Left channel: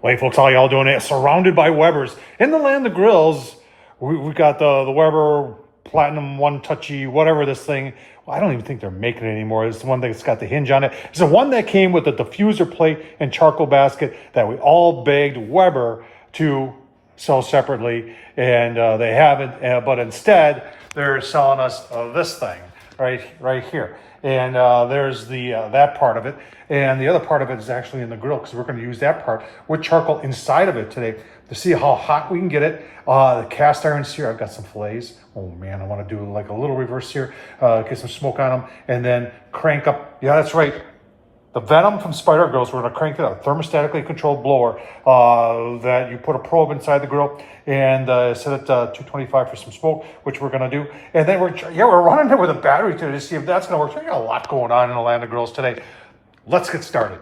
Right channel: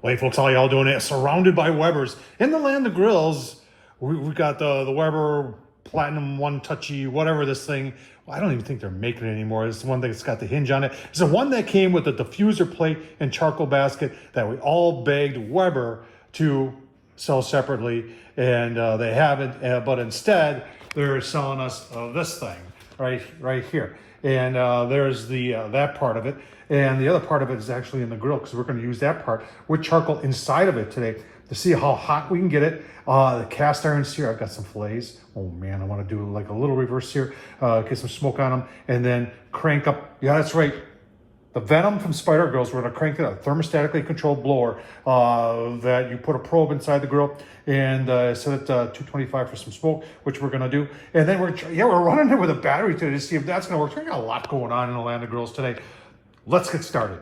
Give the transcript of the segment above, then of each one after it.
Hey folks, how y'all doing? Surrounded by Webers. In the land of grills, we've got the Weber Platinum One Touchy, whatever this thing. Well, I don't even think they're making it anymore. It's the one that's got the hinge on it. It's the one that came with the diffuser plate and charcoal basket that we all begged Weber to sell separately, and they haven't. But instead, they're selling us this thing right here. And there's the that part of it. And the other part of it is actually in the grill, because we're going to use that part with charcoal inside of it today to see how hot we can get it. The cast iron sear, I've got some fillets. Oh man, I want to do like a little reverse sear, get some smoke on them, and then crank up. Yeah, that's right. The Venom from Spider Grills, we're going to crank it up. Thermostatically controlled blower that you put a probe inside the grill and set it to 225 for some smoke, which we're going to do. And then we're running it with a battery today to see if that's going to work. So we got a lot going on in the land of grills today. Let's get started.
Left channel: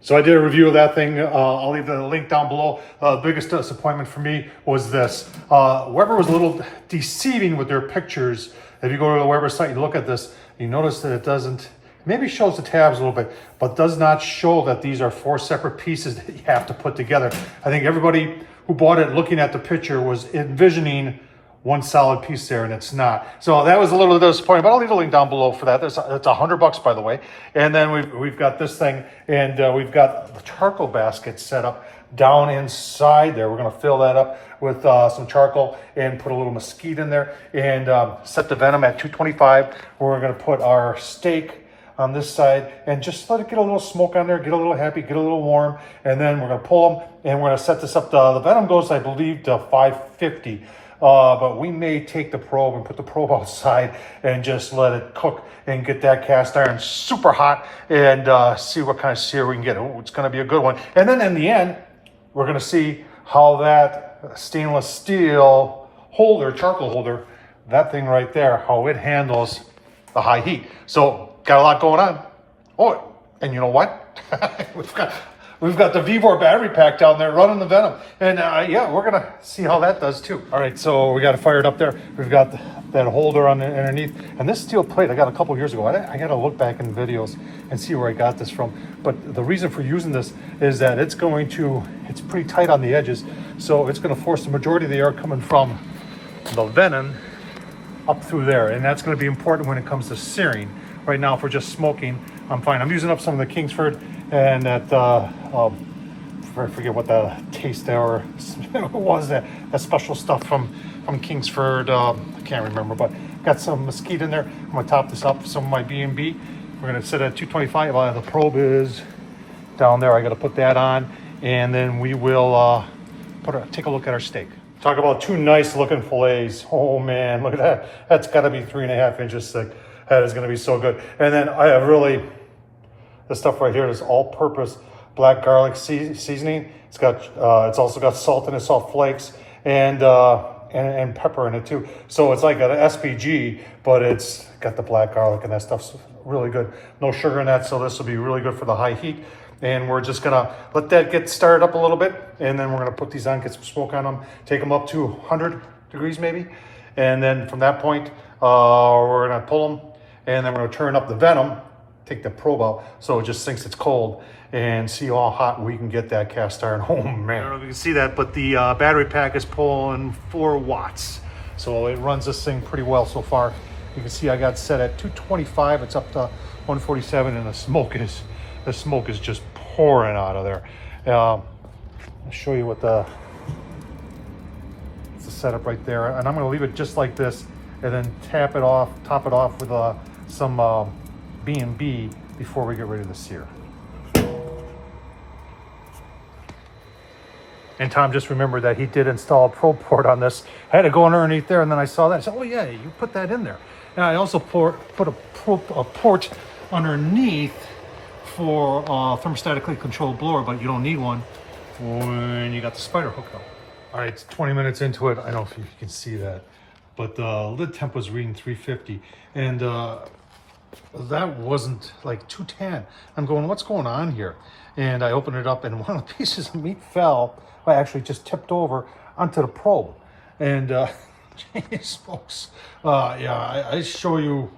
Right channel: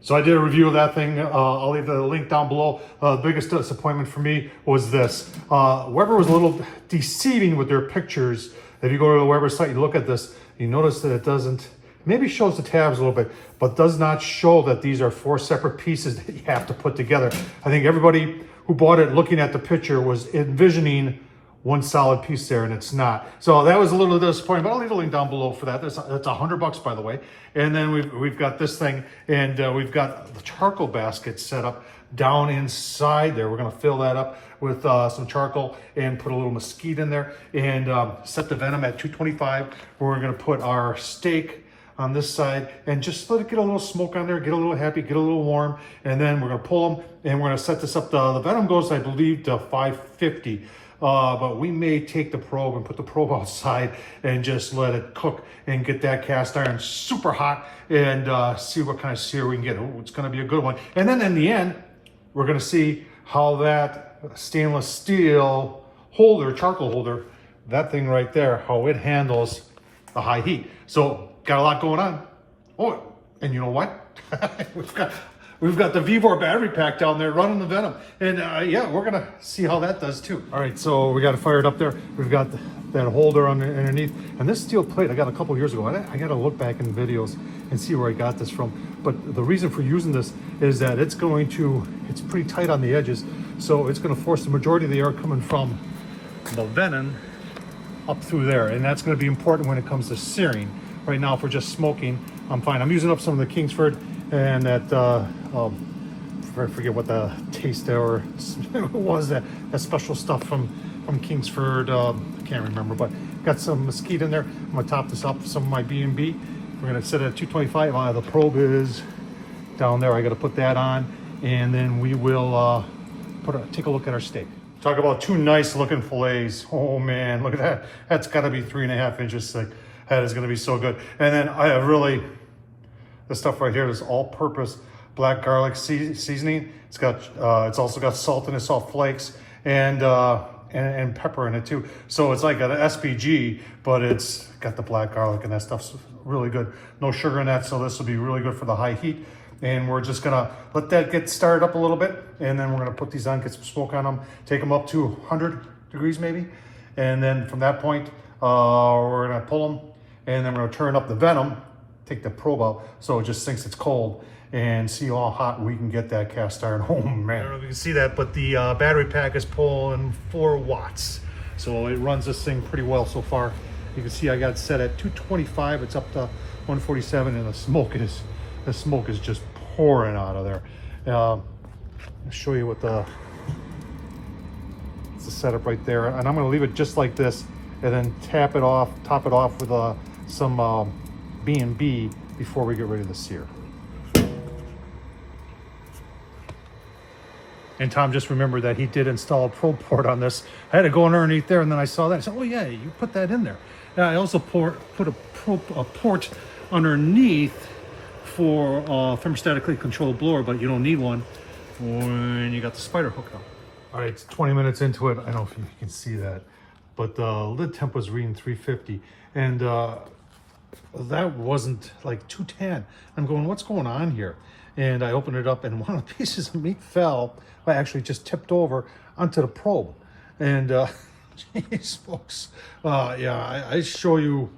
So I did a review of that thing. I'll leave the link down below. The biggest disappointment for me was this. Weber was a little deceiving with their pictures. If you go to the Weber site, you look at this, you notice that it doesn't, maybe shows the tabs a little bit, but does not show that these are 4 separate pieces that you have to put together. I think everybody who bought it looking at the picture was envisioning one solid piece there, and it's not. So that was a little disappointing, but I'll leave a link down below for that. It's $100, by the way. And then we've got this thing, and we've got the charcoal basket set up down inside there. We're gonna fill that up with some charcoal and put a little mesquite in there, and set the Venom at 225. We're gonna put our steak on this side and just let it get a little smoke on there, get a little happy, get a little warm, and then we're gonna pull them, and we're gonna set this up. The Venom goes, I believe, to 550. But we may take the probe and put the probe outside and just let it cook and get that cast iron super hot and see what kind of sear we can get. Ooh, it's going to be a good one. And then in the end, we're going to see how that stainless steel holder, charcoal holder, that thing right there, how it handles the high heat. So got a lot going on. Oh, and you know what? We've got the Vivor battery pack down there running the Venom. And yeah, we're gonna see how that does too. All right, so we got it fired up there. We've got that holder on the underneath. And this steel plate I got a couple years ago. I gotta look back in videos and see where I got this from. But the reason for using this is that it's pretty tight on the edges. So it's gonna force the majority of the air coming from the Venom up through there. And that's gonna be important when it comes to searing. Right now, if we're just smoking, I'm fine. I'm using up some of the Kingsford and that, I forget what the taste there was, that special stuff from Kingsford. I can't remember, but got some mesquite in there. I'm gonna top this up with some of my B&B. We're gonna sit at 225. The probe is down there. I gotta put that on, and then we will take a look at our steak. Talk about 2 nice looking fillets. Oh man, look at that. That's gotta be 3.5 inches thick. That is gonna be so good. And then I have this stuff right here is all-purpose black garlic seasoning. It's also got salt in it, salt flakes, and pepper in it too. So it's like an SPG, but it's got the black garlic, and that stuff's really good. No sugar in that, so this will be really good for the high heat. And we're just gonna let that get started up a little bit, and then we're gonna put these on, get some smoke on them, take them up to 100 degrees maybe. And then from that point, we're gonna pull them, and then we're gonna turn up the Venom, take the probe out so it just thinks it's cold, and see how hot we can get that cast iron. Oh man, I don't know if you can see that, but the battery pack is pulling 4 watts. So it runs this thing pretty well so far. You can see I got it set at 225. It's up to 147, and the smoke is just pouring out of there. I'll show you what it's the setup right there. And I'm gonna leave it just like this, and then top it off with some B&B before we get ready to sear. And Tom just remembered that he did install a probe port on this. I had to go underneath there, and then I saw that. I said, oh yeah, you put that in there. And I also put a port underneath for thermostatically controlled blower, but you don't need one when you got the spider hooked up. All right, it's 20 minutes into it. I don't know if you can see that, but the lid temp was reading 350, and that wasn't like 210. I'm going, what's going on here? And I opened it up, and one of the pieces of meat fell. I actually just tipped over onto the probe. And geez, folks, yeah, I show you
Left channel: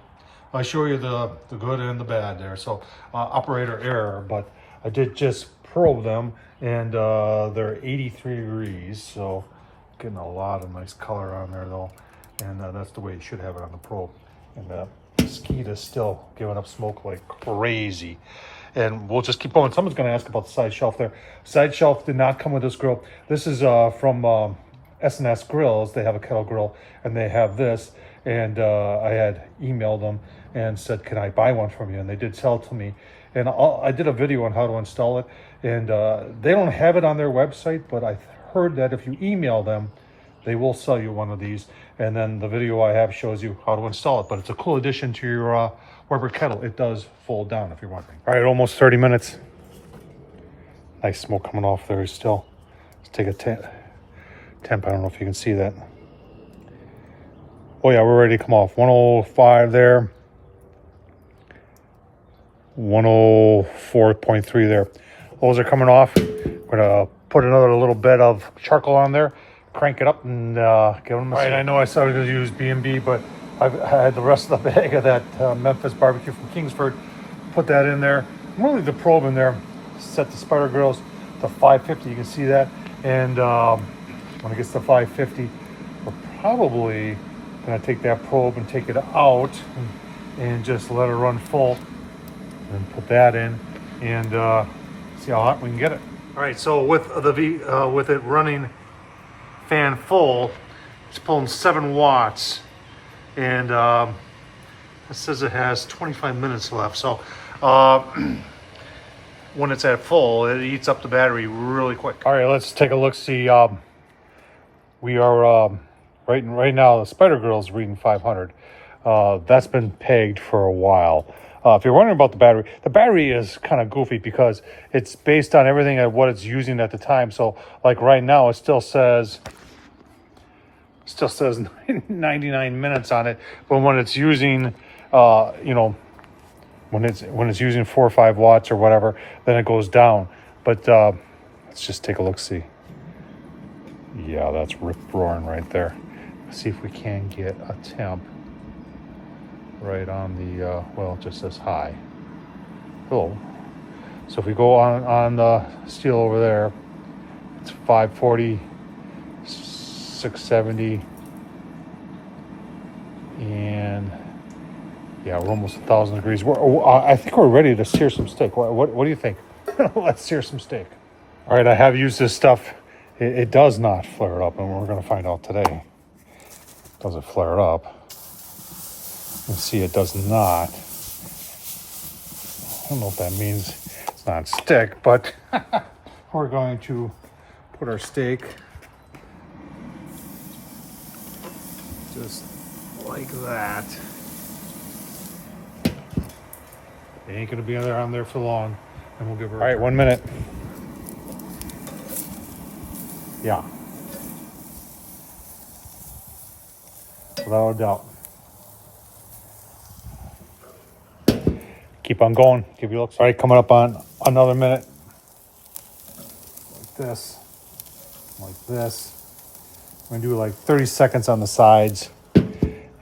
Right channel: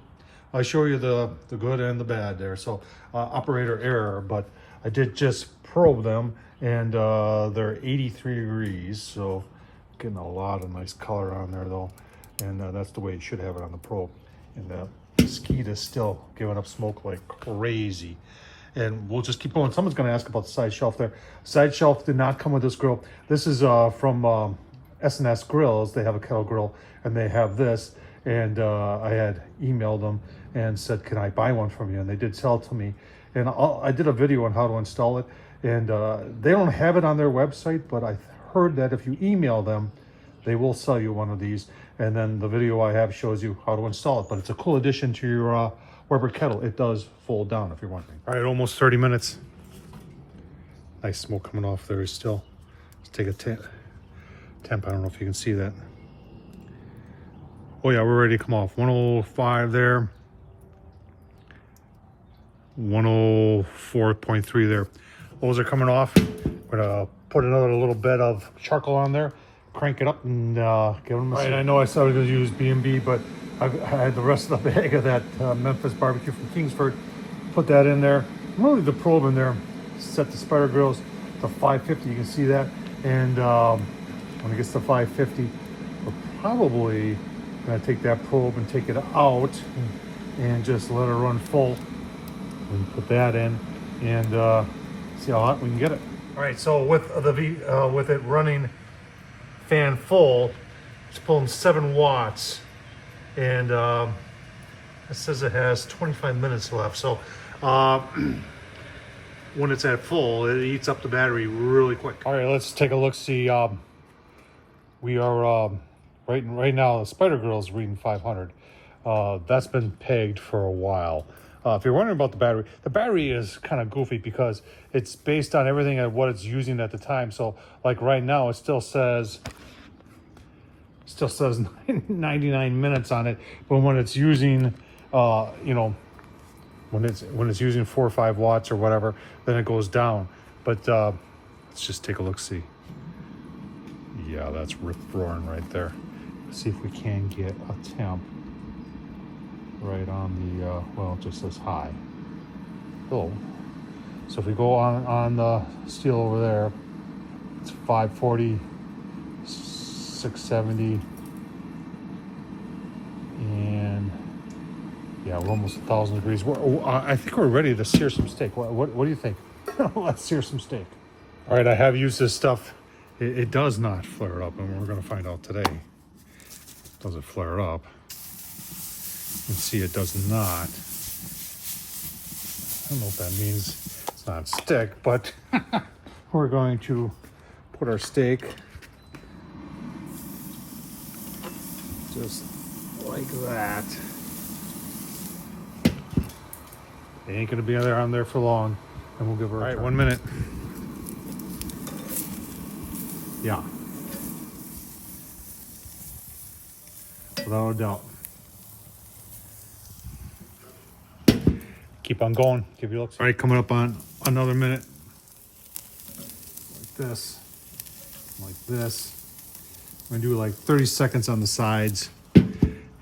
the good and the bad there. So operator error, but I did just probe them, and they're 83 degrees, so getting a lot of nice color on there though, and that's the way you should have it on the probe. And the skeet is still giving up smoke like crazy. And we'll just keep going. Someone's going to ask about the side shelf there. Side shelf did not come with this grill. This is from S&S Grills. They have a kettle grill, and they have this. And I had emailed them and said, can I buy one from you? And they did sell it to me. And I did a video on how to install it. And they don't have it on their website, but I heard that if you email them, they will sell you one of these. And then the video I have shows you how to install it. But it's a cool addition to your Weber kettle. It does fold down, if you're wondering. All right, almost 30 minutes. Nice smoke coming off there still. Let's take a temp. I don't know if you can see that. Oh yeah, we're ready to come off. 105 there. 104.3 there. Those are coming off. We're gonna put another little bit of charcoal on there, crank it up, and give them a All right, I know I started to use B&B, but I've had the rest of the bag of that Memphis barbecue from Kingsford. Put that in there. I'm gonna leave the probe in there. Set the spider grills to 550. You can see that. And when it gets to 550, we're probably gonna take that probe and take it out and just let it run full. And put that in and see how hot we can get it. All right, so with with it running fan full, it's pulling 7 watts. And it says it has 25 minutes left. So when it's at full, it eats up the battery really quick. All right, let's take a look, see. We are right now, the spider grill is reading 500. That's been pegged for a while. If you're wondering about the battery is kind of goofy because it's based on everything at what it's using at the time. So like right now, it still says 99 minutes on it, but when it's using when it's using 4 or 5 watts or whatever, then it goes down. But let's just take a look, see. Yeah, that's rip roaring right there. Let's see if we can get a temp right on the well, it just says high. Oh, so if we go on the steel over there, it's 540, 670, and yeah, we're almost 1,000 degrees. I think we're ready to sear some steak. What do you think? Let's sear some steak. All right, I have used this stuff. It does not flare up, and we're going to find out today. Does it flare up? You can see it does not. I don't know if that means it's not stick, but we're going to put our steak just like that. It ain't gonna be on there for long, and we'll give her. All right, 1 minute. Yeah, without a doubt. Keep on going. Give you looks. All right, coming up on another minute. Like this. Like this. I'm gonna do like 30 seconds on the sides,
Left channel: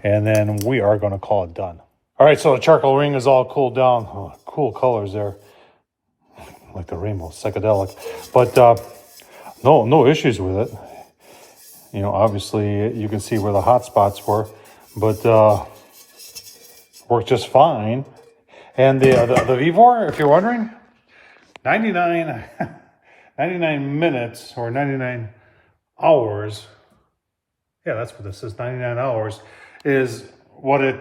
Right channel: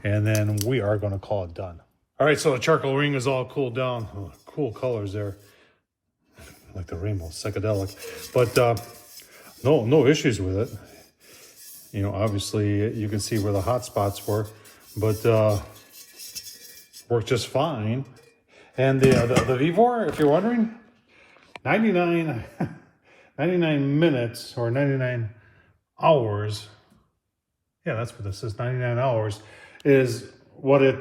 and then we are gonna call it done. All right, so the charcoal ring is all cooled down. Oh, cool colors there, like the rainbow, psychedelic. But no issues with it. You know, obviously you can see where the hot spots were, but worked just fine. And the Vivor, if you're wondering, 99 minutes or 99 hours. Yeah, that's what this is. 99 hours is what it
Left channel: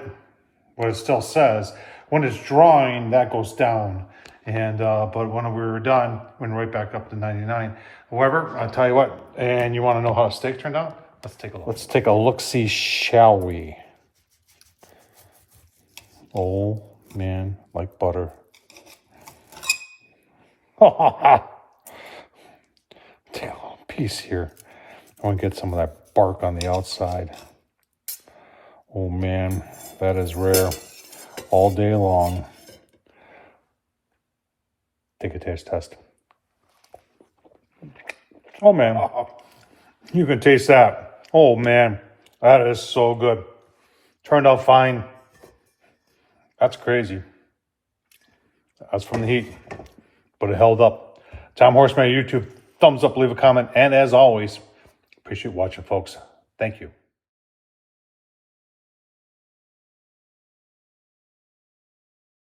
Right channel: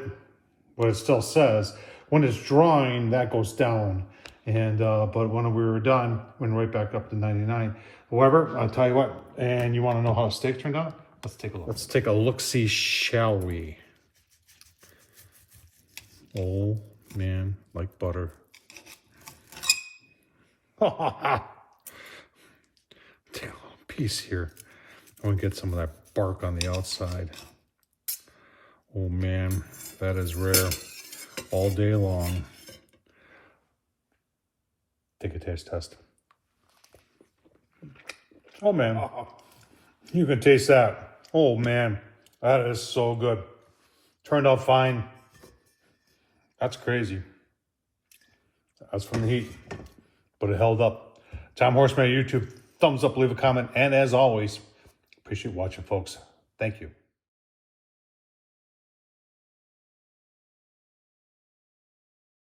still says. When it's drawing, that goes down. And but when we were done, went right back up to 99. However, I'll tell you what, and you want to know how a steak turned out? Let's take a look. Let's take a look-see, shall we? Oh man, like butter. Take a little piece here. I want to get some of that bark on the outside. Oh man, that is rare all day long. Take a taste test. Oh man, you can taste that. Oh man, that is so good. Turned out fine. That's crazy. That's from the heat. But but it held up. Tom Horsman on YouTube, thumbs up, leave a comment. And as always, appreciate watching, folks. Thank you.